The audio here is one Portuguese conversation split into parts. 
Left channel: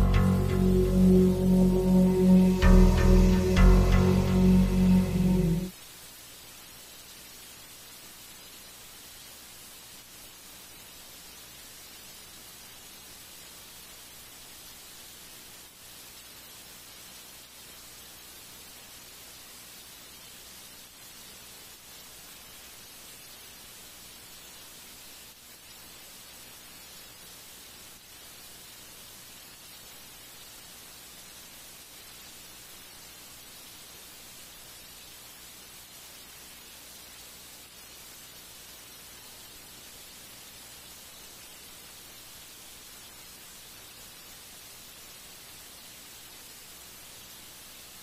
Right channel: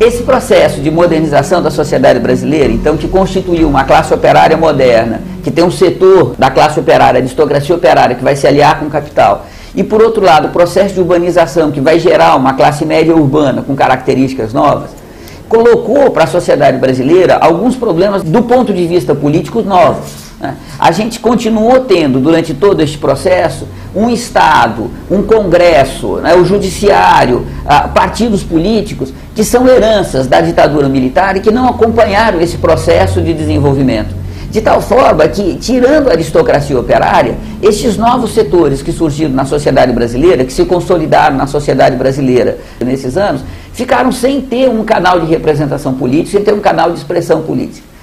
Esse processo de modernização da sociedade brasileira, então, que constituiu uma classe operária moderna, que tem um setor da classe operária, a aristocracia operária, que vai se aliar com o capital, e, por outro lado, o processo de urbanização, que vai gerar uma classe média urbana com características novas, colocou para a sociedade brasileira alguns problemas do ponto de vista político novos. A gente continuou tendo, durante todo este processo, um Estado, um Congresso, o Judiciário, partidos políticos, que são heranças da ditadura militar e que não acompanharam esse processo de desenvolvimento. De tal forma que, tirando a aristocracia operária, estes novos setores que surgiram na sociedade brasileira, que se consolidaram na sociedade brasileira nesses anos, ficaram sem ter um canal de representação política, sem ter um canal de expressão política.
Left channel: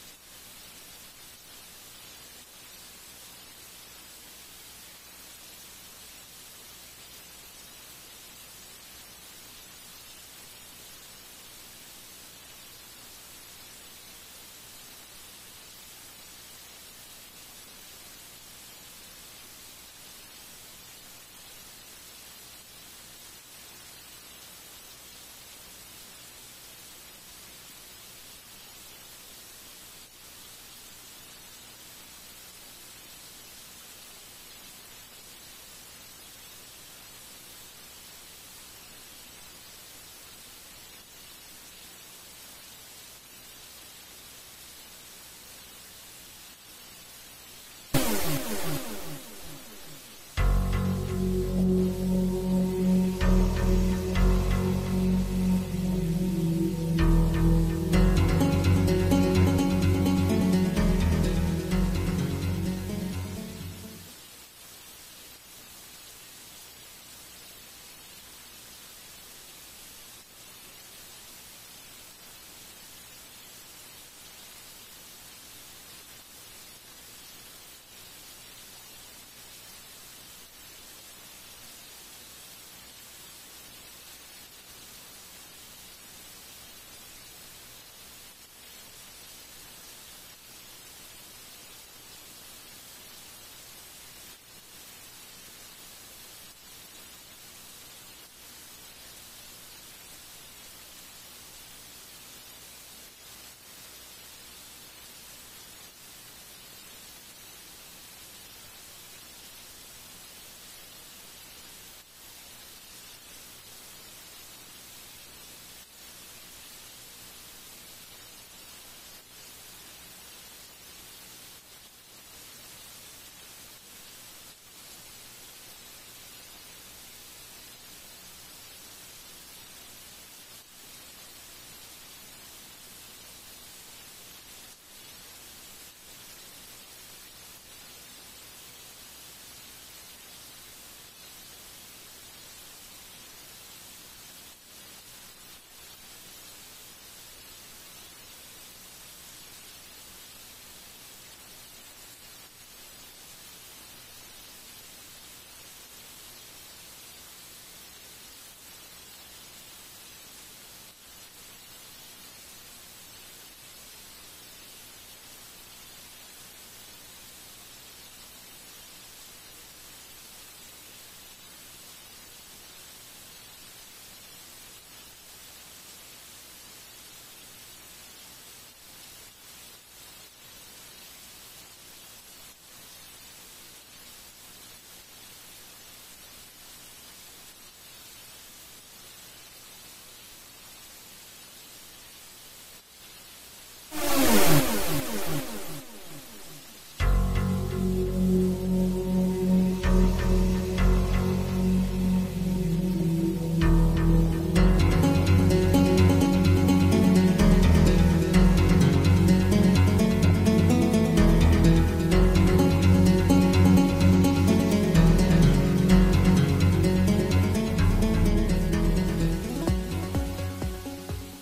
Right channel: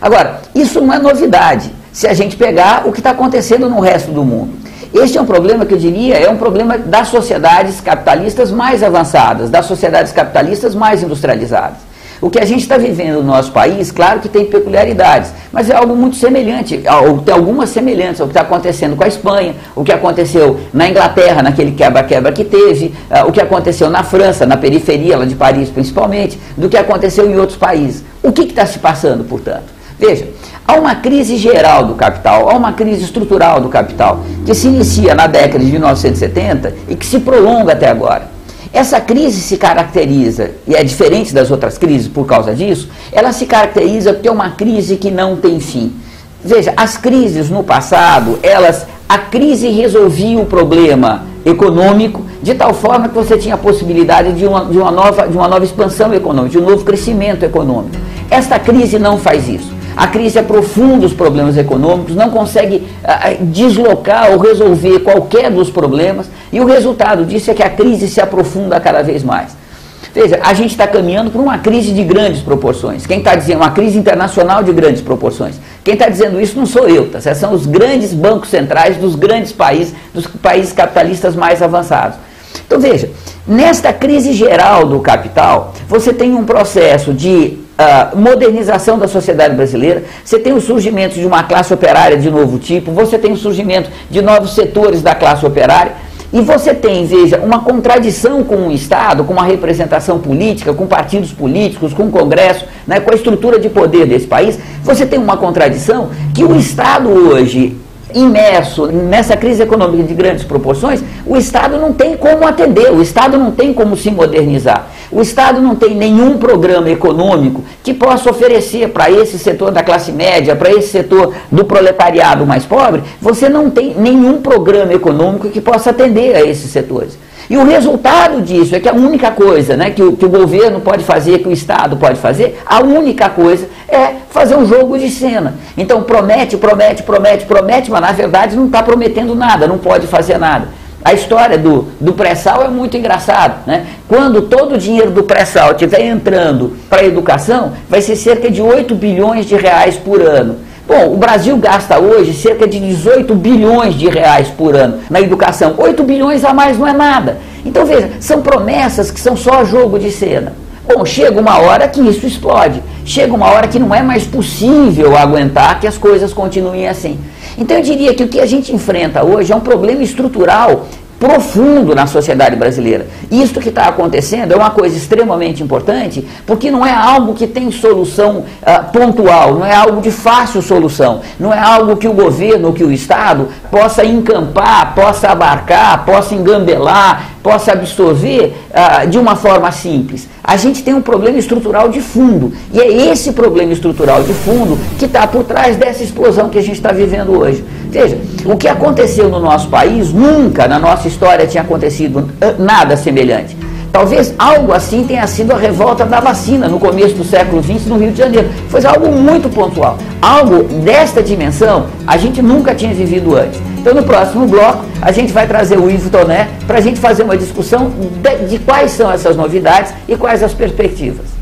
Agora, isso não é novidade, se a gente pegar o que está acontecendo no resto do mundo. Este é um problema que eu diria, é um problema das sociedades capitalistas mais avançadas, das sociedades capitalistas mais industrializadas. O que a gente está vivendo no nosso país, claro que tem peculiaridades, mas é algo muito semelhante, ou tem algumas semelhanças ao que está acontecendo com a Espanha, o que aconteceu na Inglaterra, naquele quebra-quebra que teve, o que aconteceu na França, na periferia lá de Paris principalmente, do que aconteceu em outros países. O que está se passando, portanto? Veja, há uma crise geral do capital, há uma crise estrutural do capital, que se inicia na década de 1970 e que se prolonga até agora. Essa crise se caracteriza, e é diferente das outras crises por causa disso, ela se caracteriza porque é uma crise que não tem fim. Veja, as crises no passado, a crise resolvia o problema econômico de tal forma que você tinha a possibilidade de uma nova expansão econômica, de um novo crescimento econômico. Esta crise não faz isso. A crise aprofunda os problemas econômicos, não consegue deslocar ou resolver qualquer dos problemas, e o resultado disso é que a crise se aprofunda cada vez mais. Veja, a gente está caminhando para uma crise de grandes proporções. Quem está dizendo uma crise internacional de grandes proporções? Quem está dizendo isso não sou eu, tá? São os grandes bancos centrais dos grandes países, dos países capitalistas mais avançados. Então veja, nesta crise geral do capital, você tem um processo de modernização da sociedade brasileira, você tem o surgimento de uma classe operária de novo tipo, você tem o surgimento de novos setores da classe operária, e você tem, veja, uma contradição com o Estado, com uma representação política, com partidos políticos, com o Congresso, com a estrutura de poder desse país. Você tem uma contradição que o Estado hoje, imerso nessa crise econômica de grandes proporções, o Estado não tem como atender, o Estado não tem como se modernizar. O Estado não tem nenhum programa econômico que possa oferecer para esse setor da classe média, para esse setor do proletariado mais pobre, você não tem nenhum programa econômico que possa atender a esses setores. E o resultado disso é que a única coisa que o governo pode fazer, que o Estado pode fazer, a única coisa é fazer um jogo de cena. Então promete, mas na verdade não está prometendo nada, não pode fazer nada. A história do pré-sal é muito engraçada, Quando todo o dinheiro do pré-sal estiver entrando para a educação, vai ser cerca de 8 bilhões de reais por ano. Bom, o Brasil gasta hoje cerca de 18 bilhões de reais por ano na educação. 8 bilhões a mais não é nada. Então, veja, são promessas que são só jogo de cena. Bom, chega uma hora que isso explode. Chega uma hora que não é mais possível aguentar que as coisas continuem assim. Então, eu diria que o que a gente enfrenta hoje é um problema estrutural profundo na sociedade brasileira. Isto que está acontecendo é uma coisa extremamente importante, porque não é algo que tem solução pontual, não é algo de fácil solução, não é algo que o governo, que o Estado possa encampar, possa abarcar, possa engambelar, possa absorver de uma forma simples. A gente tem um problema estrutural de fundo, e é esse problema estrutural de fundo que está por trás dessa explosão que a gente está vivendo hoje. Veja, o que aconteceu no nosso país, nunca na nossa história tinha acontecido nada semelhante. Talvez algo assim tenha sido a revolta da vacina no começo do século XX no Rio de Janeiro. Foi algo muito pontual. Algo desta dimensão a gente nunca tinha vivido antes. Então no próximo bloco a gente vai trazer o Ivo Toné para a gente fazer uma discussão de quais são essas novidades e quais as perspectivas.